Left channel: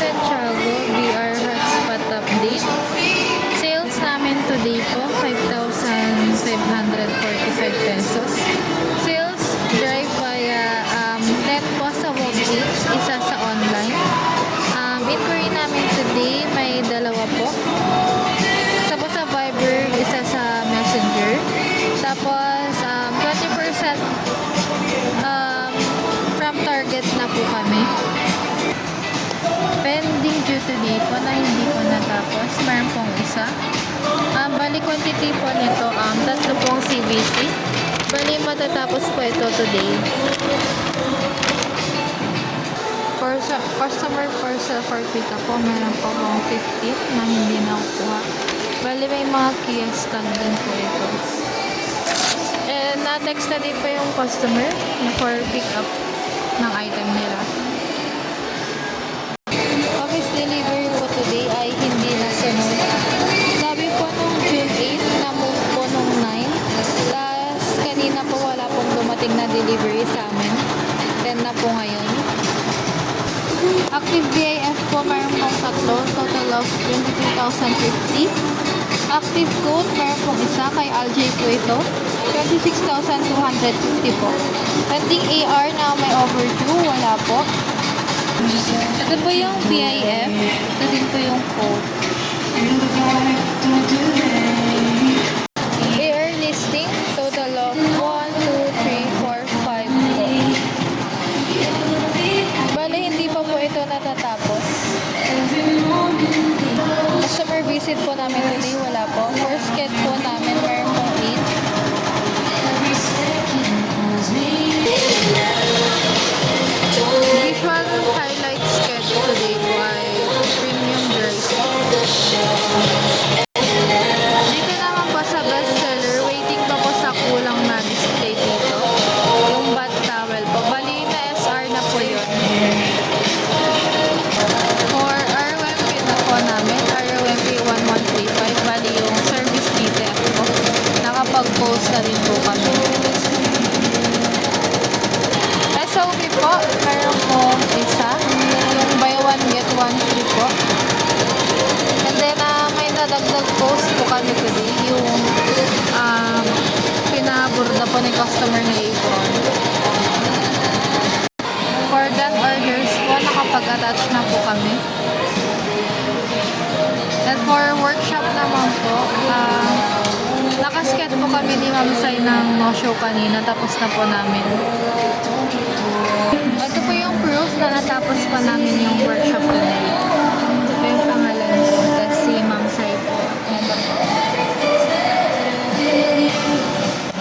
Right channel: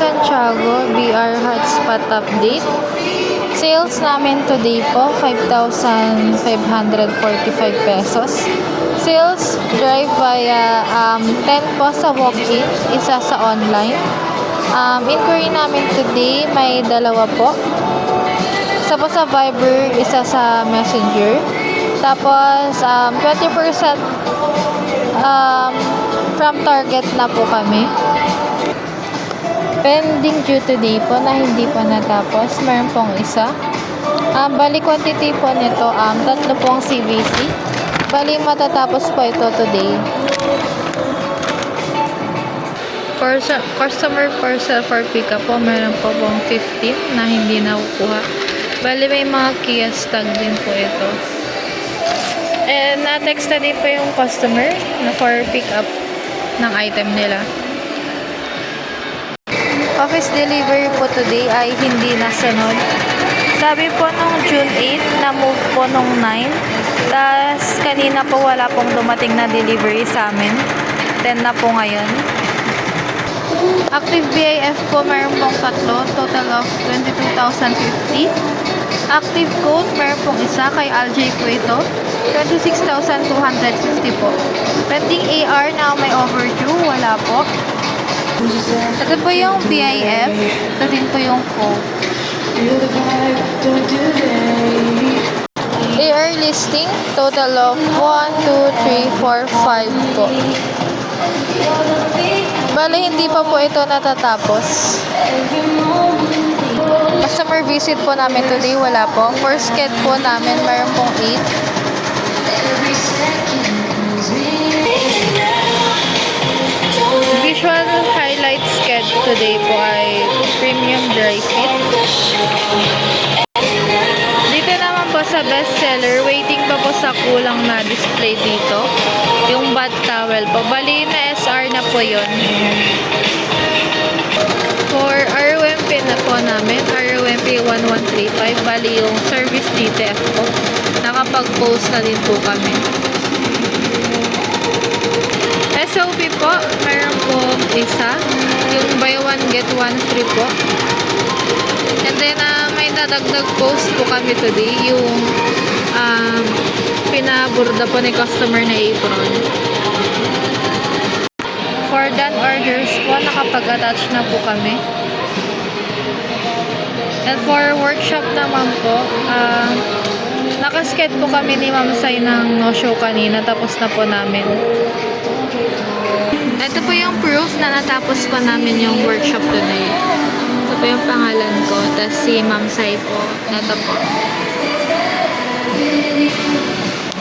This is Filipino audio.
Santiago BR Hotspot Update. Sales namin today po, 5,545 pesos. Sales drive via 10 po sa walk-in, isa sa online. Inquiry namin today, may dalawa po. Isa po sa Viber, isa sa Messenger. Tapos, 20% from target na po kami. Pending due today po na hindi pa natapos. Meron pong isa. Bali quantity po nito, 3 pong CVC. Bali matatapos po ito today. Customer parcel for pickup po, meron po pong 15 na hindi nakukuha. Bali may mga kiosk tag din po ito. And na-text na din po yung customer na for pick up ng item nila. Office delivery po today ay hindi nasunod. Sabi po nung June 8, na-move po nung 9. Tapos kanina po wala pong dumating na delivery sa amin. 10 na po ngayon. Active BIF po mayroon pong 3, total of 22,050. Active code mayroon pong isa, kay Aljay po ito, 26,250 po. Pending AR na may overdue, wala po. Ito po yung BIF, ito din po yung code. AR listing, total of 1, 2, 3, 4, 5 po. Bale, hindi pa po ito natatapos. Customer visit po namin today, wala po. First sked po namin, mayroon pong 8. Visual highlight sked today po ay premium dry fit. Dito naman po sa best seller, waiting pa po sa kulang na display dito. Yung bath towel po. Bali na SR na po yun. For ROMP na po namin, ROMP 1135, bali yung service detail po. Nakapag-post na din po kami. SOP po, meron po isa. Yung buy one get one free po. And then, may nadagdag post po kami today. Yung pinaburda po ni customer na apron. For done orders po, nakapag-attach na po kami. And for workshop naman po, nakasked po kami ni Ma'am Sai ng no-show kanina. Tapos na po namin. Ito po yung proof na natapos pa namin yung workshop today. Ito po yung pangalan ko. Tapos si Ma'am Sai po. Ito po.